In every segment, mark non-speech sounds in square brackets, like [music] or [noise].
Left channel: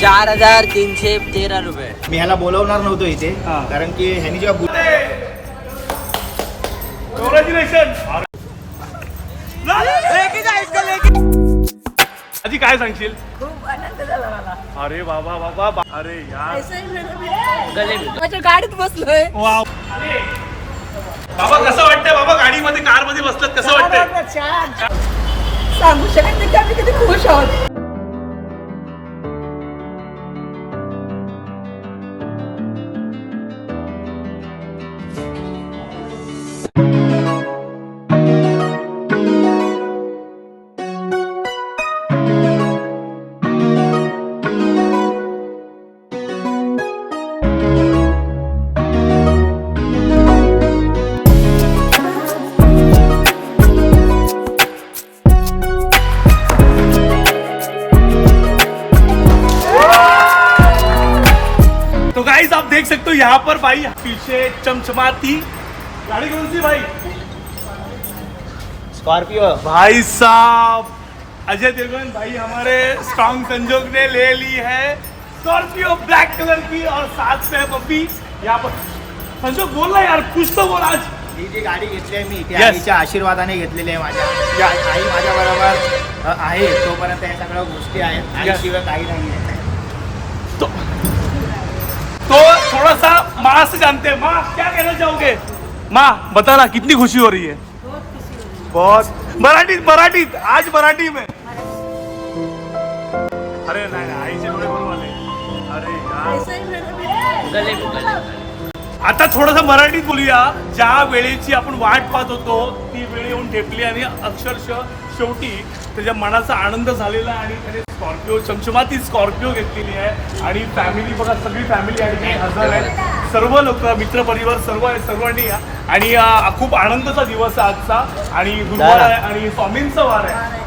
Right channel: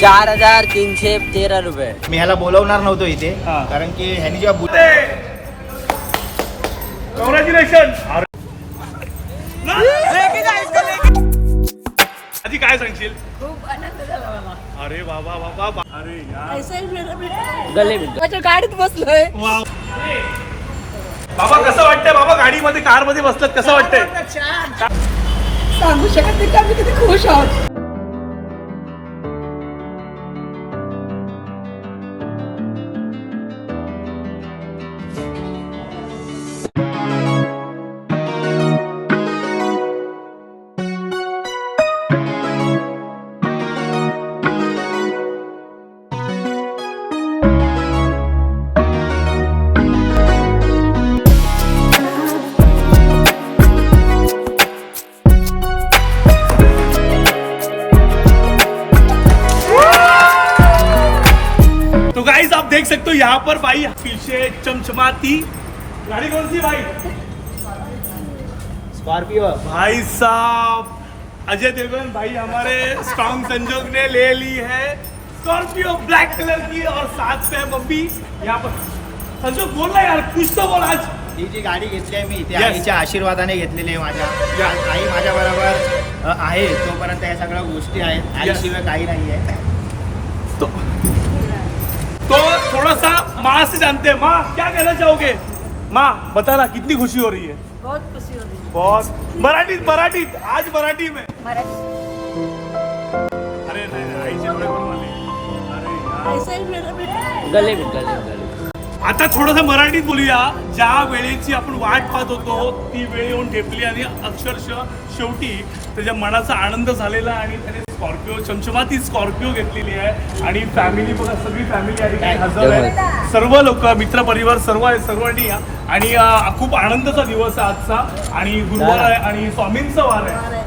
चार हजार तीनशे तेरा रुपये. मी ह्याला बोलवणार नव्हतो इथे हा. कारण की ह्यानी जेव्हा आधी काय सांगशील? खूप आनंद झाला मला. अरे बाबा बाबा अरे यार. ही माझ्या गाडीत बसलोय. वाव. बाबा कसं वाटतंय बाबा गाडीमध्ये कारमध्ये बसतात कसं वाटतंय? सांगू शकत नाही की आम्ही किती खुश आहोत. यहाँ पर भाई पीछे चमचमाती। गाड़ी कौन सी भाई? स्कॉर्पिओ भाई साहब अजय देवगन भाई हमारे स्ट्रॉन्ग संजोग ने ले ली है स्कॉर्पियो ब्लैक कलर की और साथ से बब्बी यहाँ पर। संजोग बोल रहा यार कुछ तो बोल आज। ही जी गाडी घेतली आहे मी. ती Yes. आईच्या आशीर्वादाने घेतलेली आहे माझ्या. या- आई माझ्या बरोबर आहे तोपर्यंत ह्या सगळ्या गोष्टी आहेत. आईशिवाय काही नाही आहे तो थोड़ा सा माँ से जानते हैं माँ क्या कहना चाहोगे? माँ बताना कितनी खुशी हो रही है? बहुत खुशी हो रही बहुत। मराठीत मराठीत आज मराठी में। अरे ही गले. आता थोडंसं मराठीत बोलूया ज्या वेळेची आपण वाट पाहत होतो ती वेळ येऊन ठेपली आणि अक्षरशः शेवटी त्याच्या मनाचा आनंद झालेला आणि त्याने स्कॉर्पिओ चमचमाती स्कॉर्पिओ घेतलेली आहे. आणि फॅमिली बघा सगळी फॅमिली आहे हजर आहे. सर्व लोक मित्रपरिवार सर्व आहे सर्वांनी या. आणि खूप आनंदाचा दिवस आहे आजचा. आणि गुरुवार आहे आणि स्वामींचा वार आहे.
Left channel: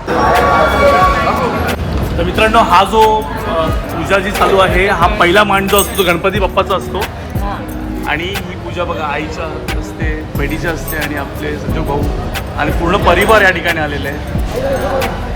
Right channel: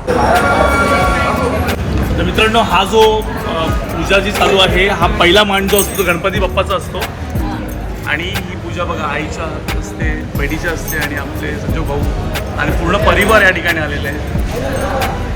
तर मित्रांनो हा जो पूजा जी चालू आहे हा पहिला मान जो असतो गणपती बाप्पाचा असतो. आणि ही पूजा बघा आईच्या असते बहिणीच्या असते आणि आपले सचिव भाऊ आणि पूर्ण परिवार या ठिकाणी आलेले आहे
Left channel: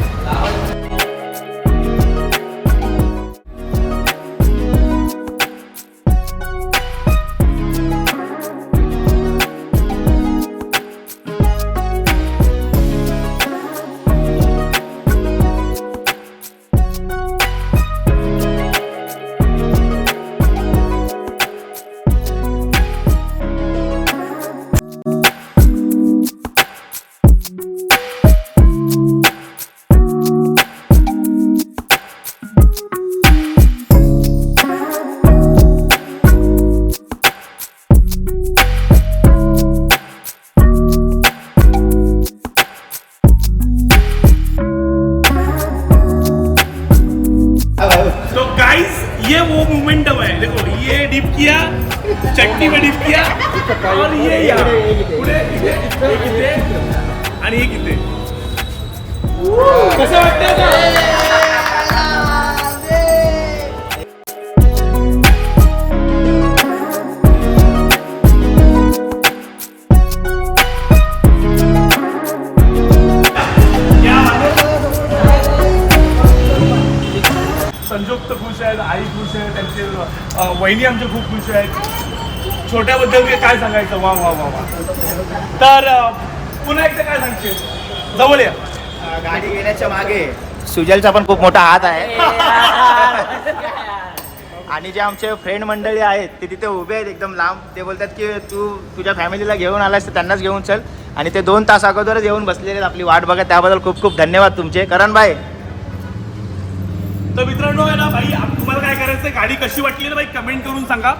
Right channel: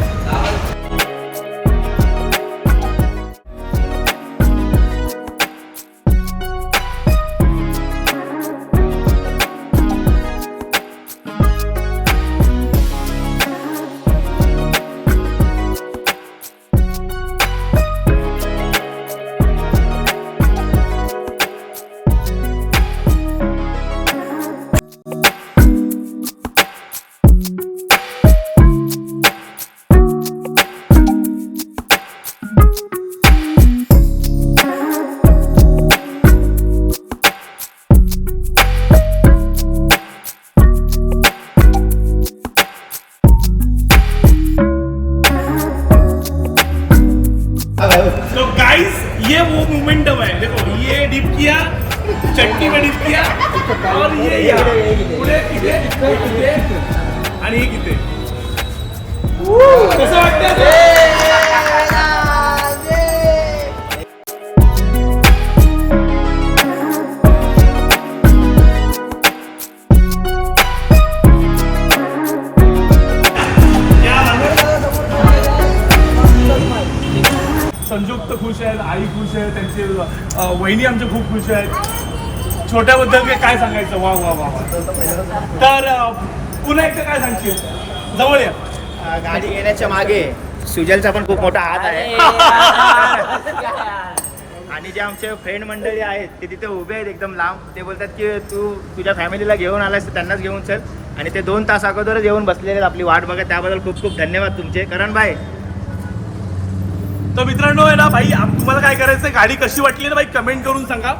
तो गाइस ये वो मोमेंटम है। देखो ये डिप किया चटनी में डिप किया और ये यहाँ। आणि इथे कसं वाटतं आई खुश आहे त्यांचे वहिनी आमच्या खूप खुश आहेत. छोट्याबद्दल ते काय सांगायचं? वा वा वा वा. तर पुन्हा एकदा काय सांगशील? जवळ या. गाडी घेण्याच्या मागे सुजलचा पण खूप मोठा हात आहे. आणि जे आमचे फ्रेंड मंडळी आहेत ते तिथे उभे आहेत एकदम लांब. ते बोलतात की तू तुझ्या फॅमिलीला घेऊन आलास तर त्यांनाच घेऊन चल. आणि ते दोन तास अगोदरच येऊन बसलेले आहेत आपली वाट बघा त्याबद्दल खूप खूप धन्यवाद तुमचे. करण भाई तर मित्रांनो आहे ना भाई तुम्हाला काय करायचं गाडी कशी वाटली ना भाई? कमेंट करून सांगा.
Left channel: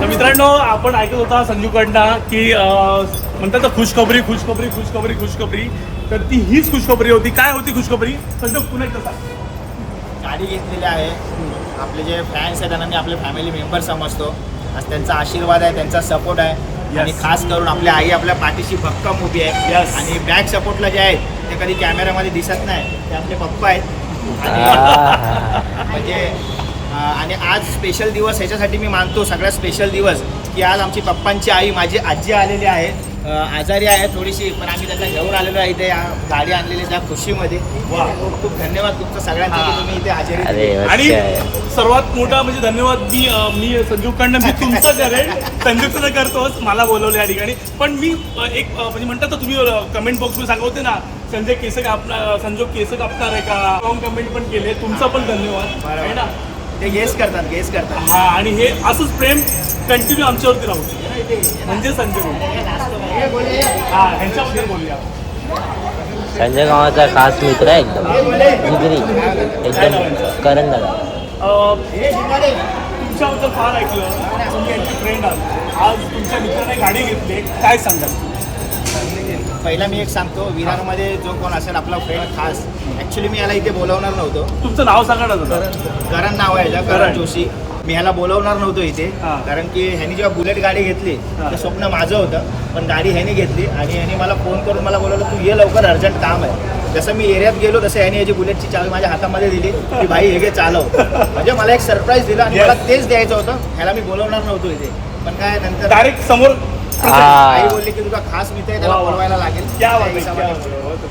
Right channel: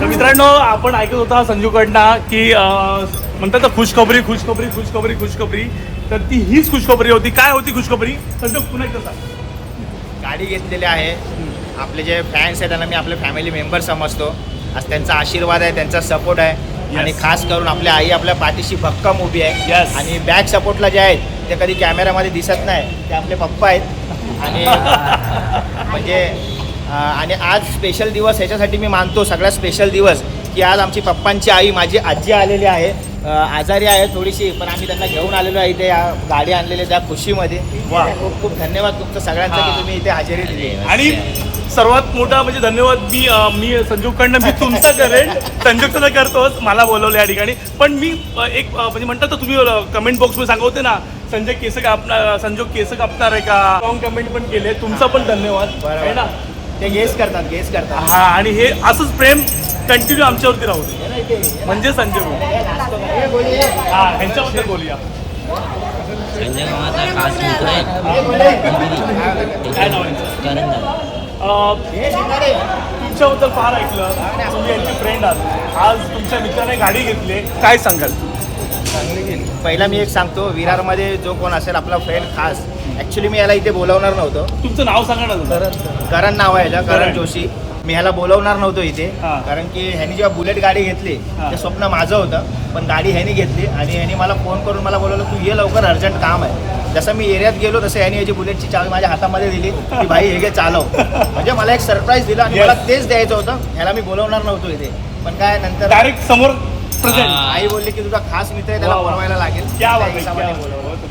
तर मित्रांनो आपण ऐकत होता संजूकडनं की म्हणतात खुशखबरी खुशखबरी खुशखबरी खुशखबरी. तर ती हीच खुशखबरी होती. काय होती खुशखबरी? संजू पुन्हा एकदा सांग. गाडी घेतलेली आहे. आपले जे फॅन्स आहेत त्यांना मी आपले फॅमिली मेंबर समजतो. आज त्यांचा आशीर्वाद आहे त्यांचा सपोर्ट आहे. Yes. आणि खास करून आपल्या आई आपल्या पाठीशी भक्कम उभी आहे Yes. आणि बॅक सपोर्टला जे आहेत ते कधी कॅमेऱ्यामध्ये दिसत नाही ते आपले पप्पा आहेत [laughs] आणि [laughs] म्हणजे आणि आज स्पेशल दिवस ह्याच्यासाठी मी मानतो सगळ्यात स्पेशल दिवस की आज आमची पप्पांची आई माझी आजी आलेली आहे. आजारी आहे थोडीशी पण आम्ही त्यांना घेऊन आलेलो आहे इथे या गाडी आणलेली त्या खुशीमध्ये. खूप खूप धन्यवाद तुमचं सगळ्यांचं की तुम्ही इथे हजेरी आणि सर्वात मोठा म्हणजे धन्यवाद मी मी संजूकडनं मी तुमचा करेन. संजूचं तर करतोच मला बोलवलं या ठिकाणी. पण मी एक म्हणजे म्हणतात ना तुम्ही कमेंट बॉक्समध्ये सांगत होते ना संजय केस कापणार संजू केस कापणार आहे का? कमेंट पण केले तुमचा पण धन्यवाद. आहे ना? ते गेस करतात गेस करतात. हा आणि हे असंच प्रेम कंटिन्यू आमच्यावरती राहू म्हणजे संजय भाऊ. हा ह्यांच्याबद्दल बोलूया. संजय गावाचा खास मित्र आहे एकदम. जिगरी एकदम करण दादा. अं, तुमच्याबद्दल फार ऐकलं. तुम्ही यांचे फ्रेंड आहात. आज तुमच्या मित्राने गाडी घेतली. काय सांगाल? पहिला मी एक सांगतो विरारमध्ये जो कोण असेल आपला फ्रेंड खास ॲक्च्युली मी याला इथे बोलावणार नव्हतो तुमचं नाव सांगा ना जरा. करण नाव आहे याचं, करण. करण जोशी मी ह्याला बोलवणार नव्हतो इथे हा. कारण की ह्यानी जेव्हा बुलेट गाडी घेतली हा. ते स्वप्न माझं होतं पण गाडी ह्याने घेतली आणि ह्याने मला फोन करून मला बोलवलं तू ये लवकर अर्जंट काम आहे जसं मी एरियात गेलो तसं ह्याने याची बुलेटची चावी माझ्या हातामध्ये दिली की भाई हे घे चालव म्हणजे मला एक सरप्राईज दिलं आणि Yes. मला तेच द्यायचं होतं ह्याला मी बोलवणार नव्हतो इथे पण काय नंतर डायरेक्ट समोर. आई बोलली की तुझा खास मित्र आहे त्याला वा. बोलवायला लागेल. त्या हिशोबाने.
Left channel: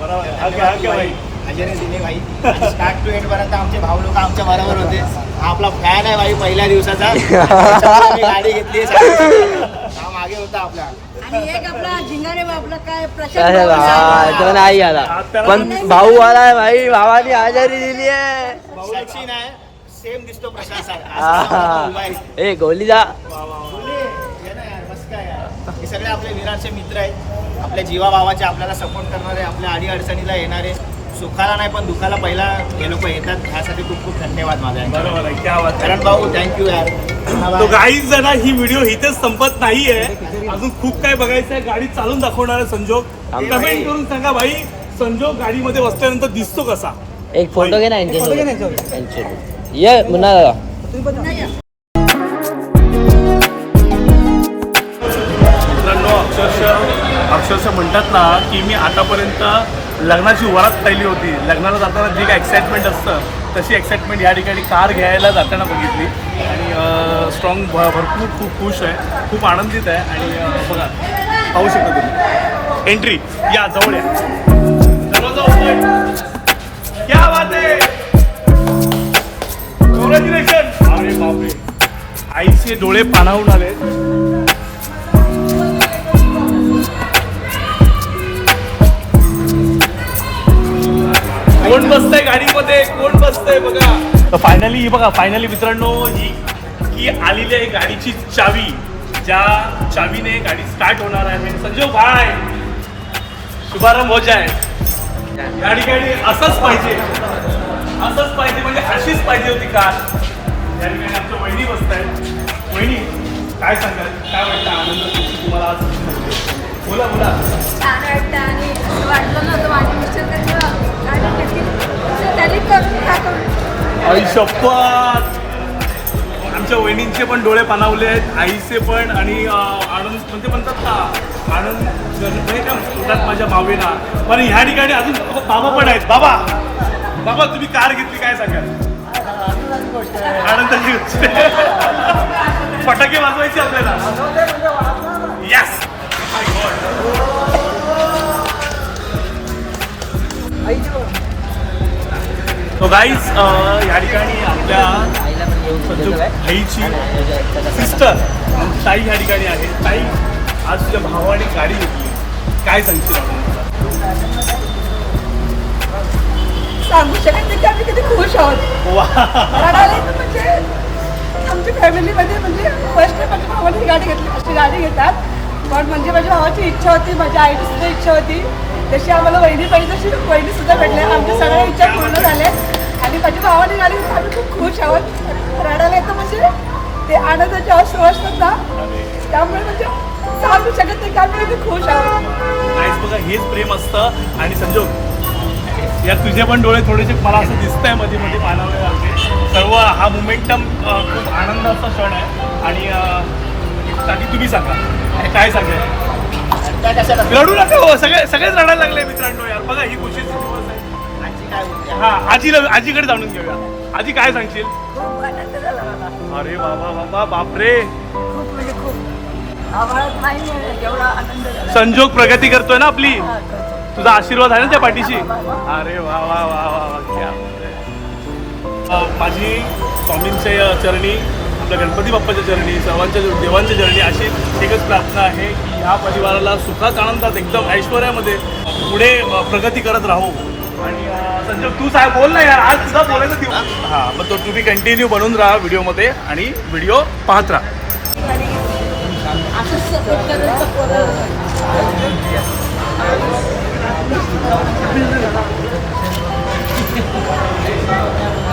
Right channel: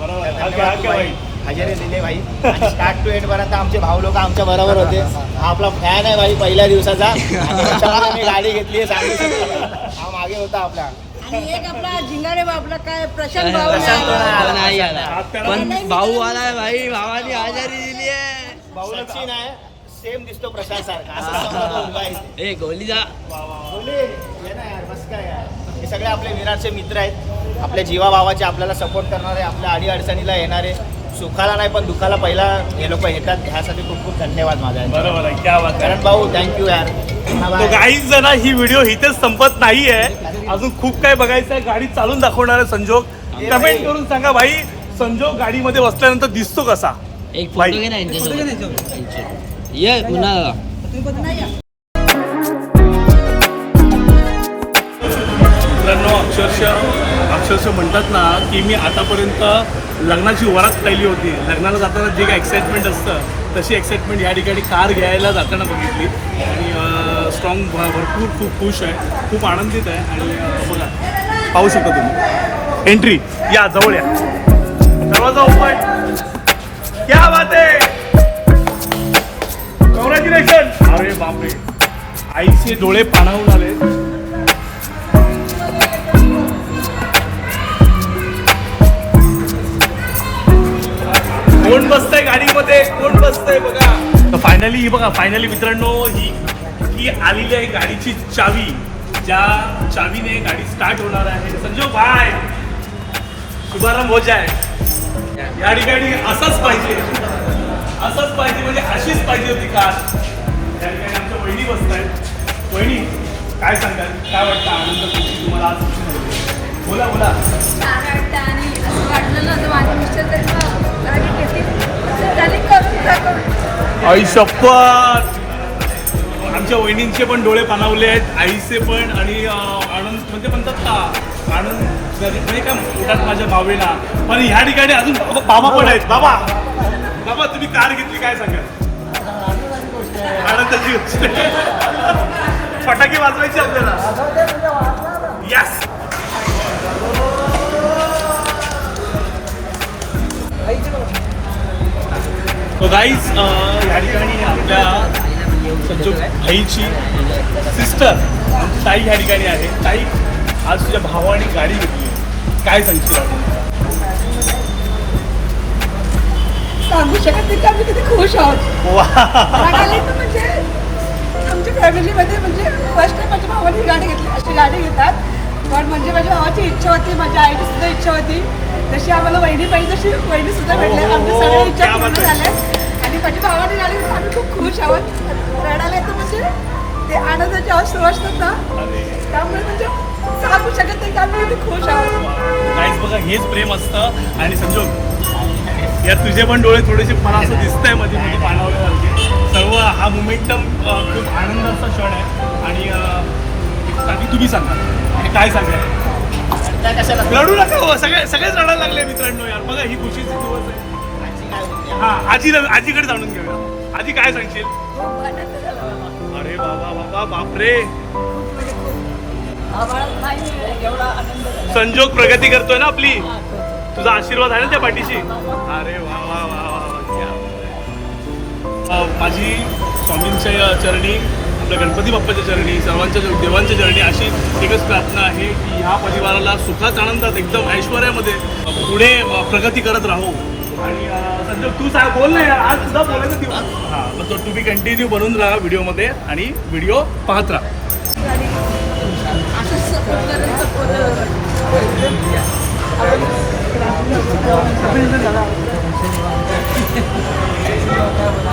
हा, हा. हजेरी दिली भाई स्टार्ट टू एंड पर्यंत आमचे भाऊ लोक आमच्या बरोबर होते. हा आपला फॅन आहे भाई पहिल्या दिवसाचा. [laughs] मी गाडी घेतली हा मागे होता आपला. आणि एक आपला झिंगारे बाबला काय प्रशांत अरे भाऊ वा, आहे. तुला नाही आला. हा, पण भाऊ आलाय भाई भावानी आजारी दिली आहे. सेम दिसतो. सारखा. ए गोली जा. सगळे आपले निराशे मित्र आहेत. आपल्या जीवाभावाचे आपल्याला सपोर्ट करणारे आपल्या अडी अडचणीला येणारे सुखाला नाही पण दुखाला पहिला हे लोक येतात. ह्यासाठी खूप खूप धन्यवाद माझा. बरोबर आहे. क्या बात आहे. करण भाऊ थँक्यू यार. तो गाईज जण ही व्हिडिओ इथेच संपत नाहीये. अजून खूप काय बघायचं आहे गाडी चालून दाखवणार आहे संजोग. कमेंट करून सांगा भाई संजोग गाडीमध्ये बसल्यानंतर दिसतो कसा? एक फोटो घे ना. ये मुन्ना अक्षरशः अक्षरशः म्हणतात ना की मी आतापर्यंत लग्नाची वरात पाहिली होती. लग्नाला जाताना जे काय एक्साइटमेंट असतं तशी एक्साइटमेंट या ठिकाणी कार घ्यायला जाताना बघितली. आणि स्ट्रॉंग भरपूर खूप खुश आहे खूप आनंदित आहे. आणि बघा पाहू शकता तुम्ही. एंट्री या जवळ या. आहे. आईचे डोळे पाणावून आले. फायनली ही बघा फायनली मित्रांनो ही ही आलेली आहे गाडीची चावी. ज्या चावीने गाडी स्टार्ट होणार आहे. म्हणजे संजय काय शुभारंभ हो आहे या ठिकाणी असंच पाहिजे. असंच पाहिजे म्हणजे अशीच पाहिजे होती कार. या ठिकाणी आमच्या वहिनी बसत आहेत. वहिनी काय सांगाल? काय वाटतं? आनंद तुम्हाला आज बोला बोला. छान वाटतं आणि वाटलं नव्हतं माझ्या मिस्टर आई शपथ. आमच्या वहिनींचे पण डोळे पाणावले आहेत आईचे पण आणि आनंद म्हणजे म्हणतात ना आनंद पोटात माझ्या भावेना. पण ह्या ठिकाणी अजून बाबा पण आहेत. बाबा बाबा तुम्ही कार घेतली काय सांगाल. फटाके वाजवायचे आपल्याला. यस तो गाईज या ठिकाणी आपल्या संजू भाईची सिस्टर ताई या ठिकाणी आहे. ताई आज तुझ्या भावाने गाडी घेतली काय सांगशील सांगू शकत नाही की आम्ही किती खुश आहोत. रडायला येतं म्हणजे आमच्या फॅमिलीमध्ये म्हणजे फर्स्ट टाइम माझ्या भावाने गाडी घेतली अशी गाडी घेतात. पण म्हणजे माझ्या भावाची इच्छा होती माझ्या आईची सुद्धा इच्छा होती. तशी आम्हाला वहिनी पाहिजे तशी वहिनी सुद्धा भेटल्या आमच्या सगळ्या इच्छा क्या पूर्ण बात आहे. झाल्या. आणि माझ्या भावाने घेतली आम्ही खूप खुश आहोत. रडायला येतं म्हणजे ते आनंदाचे अश्रू असतात ना. त्यामुळे म्हणजे सांगू शकत नाही. त्यामुळे मी खुश आहोत. बघा हेच प्रेम असतं. आणि समजू? या तुझे पण डोळे थोडेसे मला असं दिसतंयमध्ये मध्ये पाणावले सर्व हा मोमेंटम खूप आनंदाचा क्षण आहे. आणि बाकी तुम्ही सांगा. काय सांगाल? लढू नका हो, सगळे सगळेच रडायला लागले मित्रांनो यार. बघा ही खुशीची हा आजी आजीकडे जाणून घेऊया. आजी काय सांगशील? अरे बाबा बाबा बापरे. संजोग प्रगती करतोय ना आपली? तुझा आशीर्वाद आहे ना त्या पाठीशी? अरे वा वा वा माझी स्वामींच्या चरणी आपल्या गणपती बाप्पाच्या चरणी सर्वांच्या देवांच्या चरणी अशी एकच प्रार्थना आहे की ह्या परिवाराला सुखात आनंदात एकदम ऐश्वर्यामध्ये पुढे प्रगती करत राहू. आणि संजय तू काय बोल ना यार आज तुझा बोलायचं दिवस. हा मग तो तुम्ही कंटिन्यू बनून राहा व्हिडिओमध्ये आणि व्हिडिओ पाहत राहा. [laughs]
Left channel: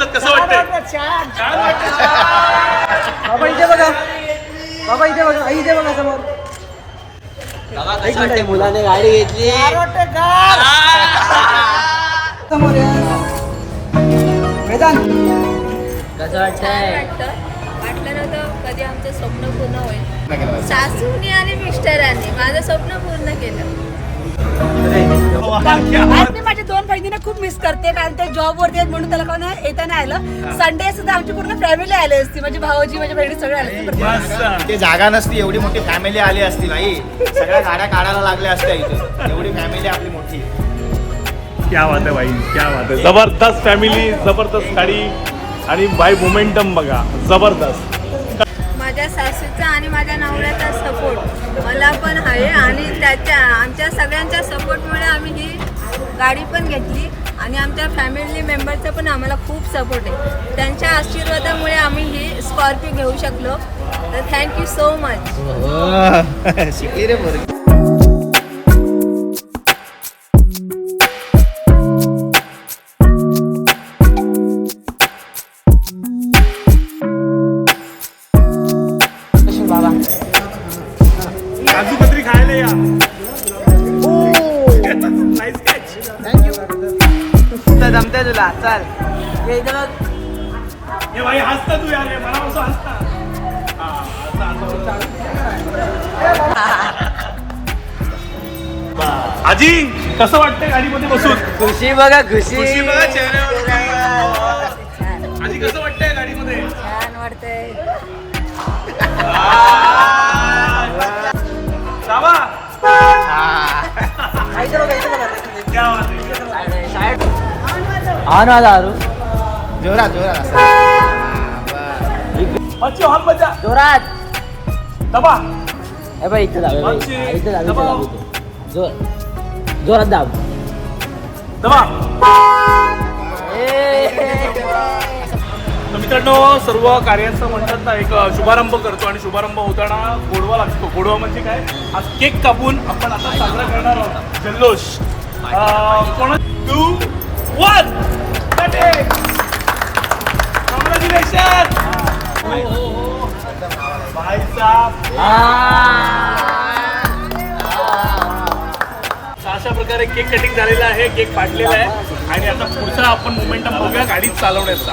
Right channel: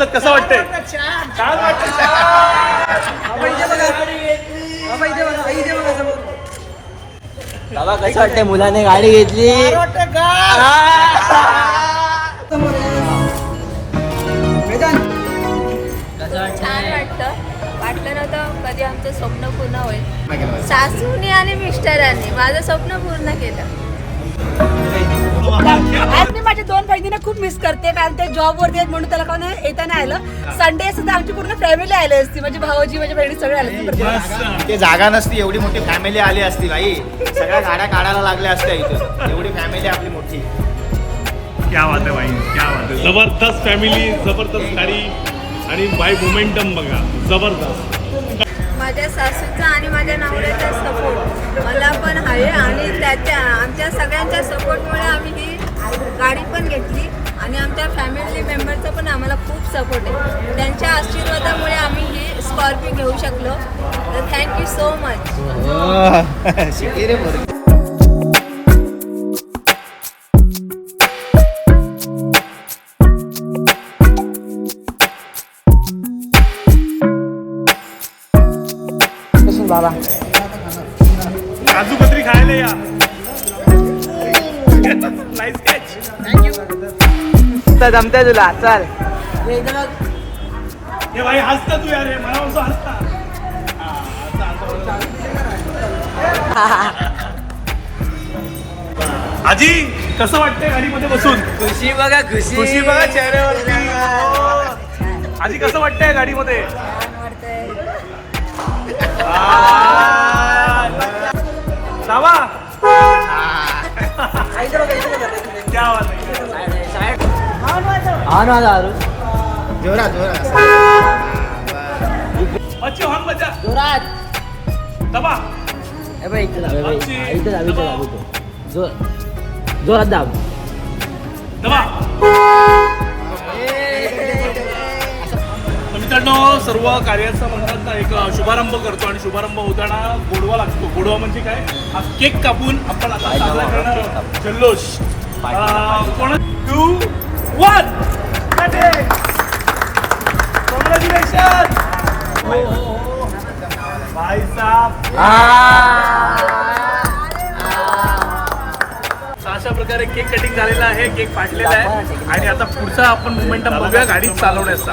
बसलात कसं वाटतंय? छान वाटतंय. बाबा कसं वाटतंय? मुलाने गाडी घेतली. कसं छान वाटतंय वाटतं. वाटलं नव्हतं कधी आमचं स्वप्न पूर्ण होईल. सासूने आणि मिस्टरांनी माझं स्वप्न पूर्ण केलं. आज मी माझ्या दोन बहिणींना खूप मिस करते. कारण ते जॉब वरती आहेत म्हणून त्याला कोण येता नाही आलं संडे सुद्धा आमची पूर्ण फॅमिली आली असती. माझी भाऊजी माझ्या बहिणी सगळे आले असते इथे जागा नसती एवढी मोठी फॅमिली आली असती भाई सगळ्या गाड्या काढायला लागल्या असत्या इथं. एवढी फॅमिली आपली मोठी. क्या बात आहे भाई क्या बात आहे. जबरदस्त फॅमिली जबरदस्त गाडी आणि बाय मोमेंटम बघा. जबरदस्त. सासूचा आणि माझ्या नवऱ्याचा सपोर्ट मला पण आहे आणि त्याच्या आमच्या सगळ्यांच्या सपोर्टमुळे आम्ही ही गाडी पण घेतली आणि आमच्या फॅमिली मेंबरचा पण आम्हाला खूप सपोर्ट आहे. त्यांच्या आशीर्वादामुळे आम्ही ही स्कॉर्पिओ घेऊ शकलो. तर थँक्यू सो मच काजू कतरी खायला या. नाईस कॅच जमते तुला? चल. हे भाई हसता तू यार हे मला हसता. आजी कसं वाटतंय गाडीमध्ये बसून? खुशी बघा खुशी. खुशी बघा चेहऱ्यावर. आजी कसं वाटतंय गाडीमध्ये? छान वाटतंय. क्या बात आहे. हा ना दारू जोरात जोरात बच्चो हम बचा जोरात दबा हे बघ मित्रांनो सर्व कार्याचं म्हणतात ना एक शुभारंभ करतो आणि शुभारंभ होताना गोडवा लागतो. गोडवा म्हणजे काय? हा केक कापून आपण आता साजरा करणार आहोत. जल्लोष. Two one. हो हो, हो. अशा प्रकारे केक कटिंग झालेला आहे केक फाटलेला आहे. आणि आता पुढचा आपण मुमेंटम बघूया गाडीच चालवण्याचा.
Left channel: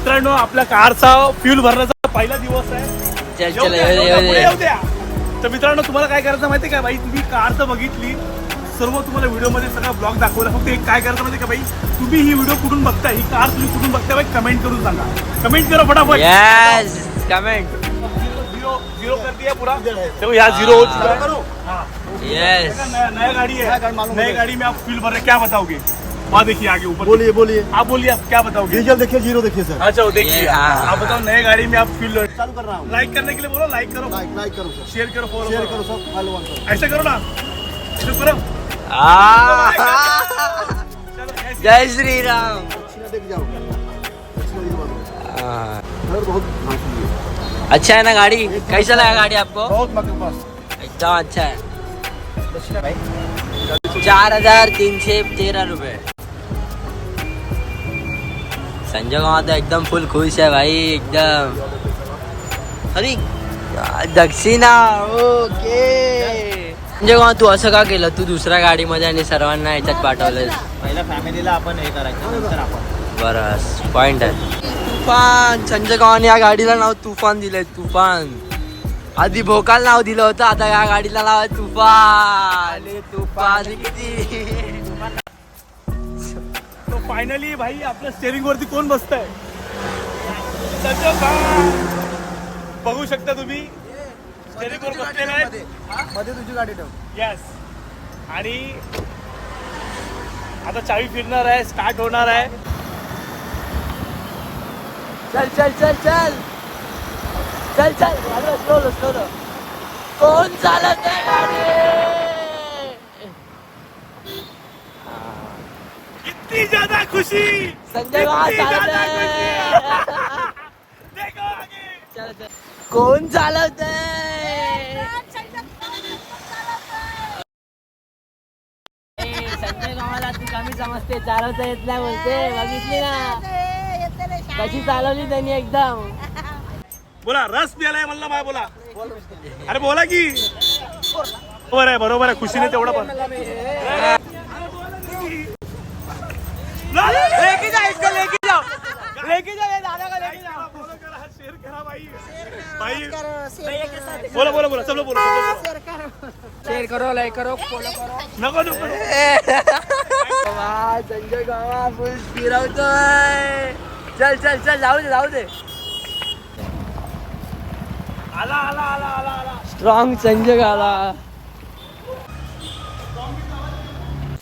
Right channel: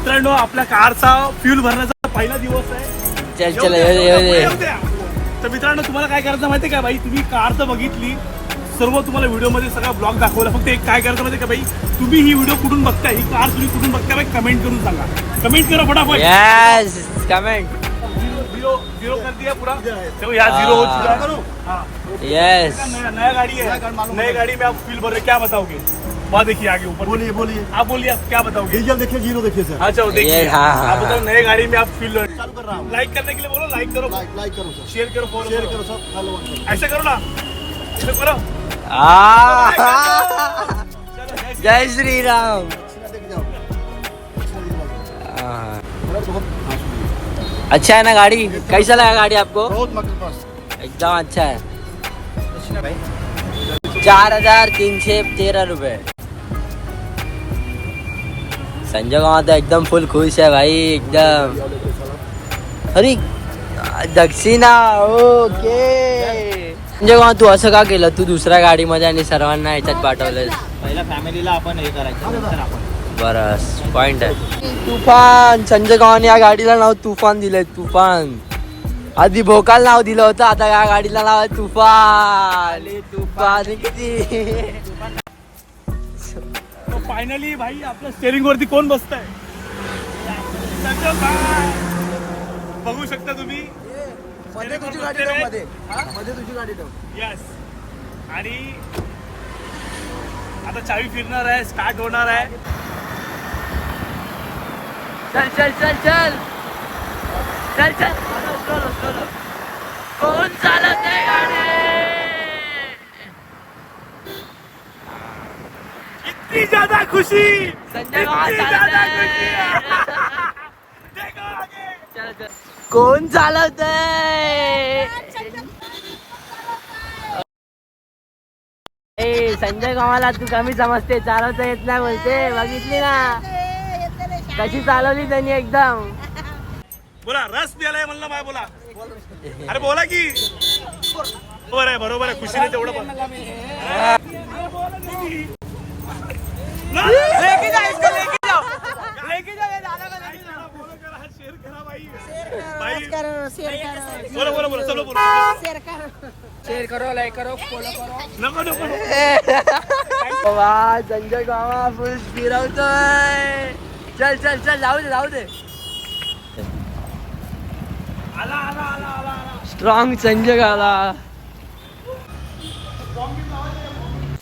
मित्रांनो आपल्या कारचा फ्यूल भरण्याचा पहिला दिवस आहे. चल चल येऊ दे येऊ दे येऊ द्या. तर मित्रांनो तुम्हाला काय करायचं माहिती आहे का भाई तुम्ही कार तर बघितली. सर्व तुम्हाला व्हिडिओमध्ये सगळा ब्लॉग दाखवला. फक्त एक काय करायचं माहिती आहे का भाई तुम्ही ही व्हिडिओ कुठून बघताय? ही कार तुम्ही कुठून बघताय भाई कमेंट करून सांगा. कमेंट करा फटाफट. यस कमेंट जीरो जीरो कर दिया पूरा. देखो यहाँ जीरो हो चुका हाँ यस नया नया गाड़ी है नया गाड़ी में आप फील भर रहे क्या बताओगे? वहाँ देखिए आगे ऊपर। बोलिए बोलिए। आप बोलिए आप क्या बताओगे? डीजल देखिए ज़ीरो देखिए सर। अच्छा देखिए। ये, हाँ, हाँ, आप बताओ नई गाड़ी में आप फील चालू कर रहा हूँ। लाइक करने के लिए बोलो लाइक करो। लाइक लाइक करो सर। शेयर करो फॉलो शेयर करो। सर फॉलो करो। ऐसे करो ना। ऐसे करो। जय श्री राम। हाँ। मासूम है। अच्छा है ना गाड़ी? कैसा लगा गाड़ी आपको? एकदम अच्छा है। चार हज़ार तीनशे तेरा रुपये संजय गावात तो एकदम फुल खुश है भाई एकदम. अरे दक्षिणा ओके. संजय गावात तू असं का केलं? तू दुसऱ्या गाडीमध्ये आणि सर्वांना याच्यात पाठवलं पहिल्या फॅमिलीला आपण हे करायचं बरं पॉइंट आहे. तुफान संजय गावाने या गाडीला नाव तुफान दिलंय तुफान. आधी भोकाल नाव दिलं होतं आता या गाडीला नाव आहे तुफान. तुफान. किती? फायनली भाई आपल्या स्टेअरिंग वरती कोण बसतंय? सज्जन भाई. बघू शकता तुम्ही? मध्ये तुझी गाडी ठेव येस आणि आता चावी फिरणार आहे स्टार्ट होणार आहे. चल चल चल चल. चल चल. कोण चालत आहे गाडी इतनी ज्यादा खुशी? संजय इतनी ज्यादा. खुशी? [laughs] देखो आगे. चल, चल. कोण ए संजय गावाला तू कमी समजते चालवता येत नाही बोलते बघितली ना? कशी चालवली त्यांनी एकदम? बोला रस प्यालाय म्हणला माय बोला. अरे बोला की. बरोबर आहे बरोबर आहे खुशीने तेवढं पण. लेके जा इसको लेके जाओ। लेके जाओ ये दादा का लेके जाओ। करा हा करा भाई भाई बोला बोला बोला सब लोग बोला शेअर करो लाईक करो फॉलो करो। नको नको वा संजय गावा फुल फिरवतोय चल चल चल जाऊ दे जाऊ दे। आला आला आला आला आला। स्ट्रॉंग संजय गाला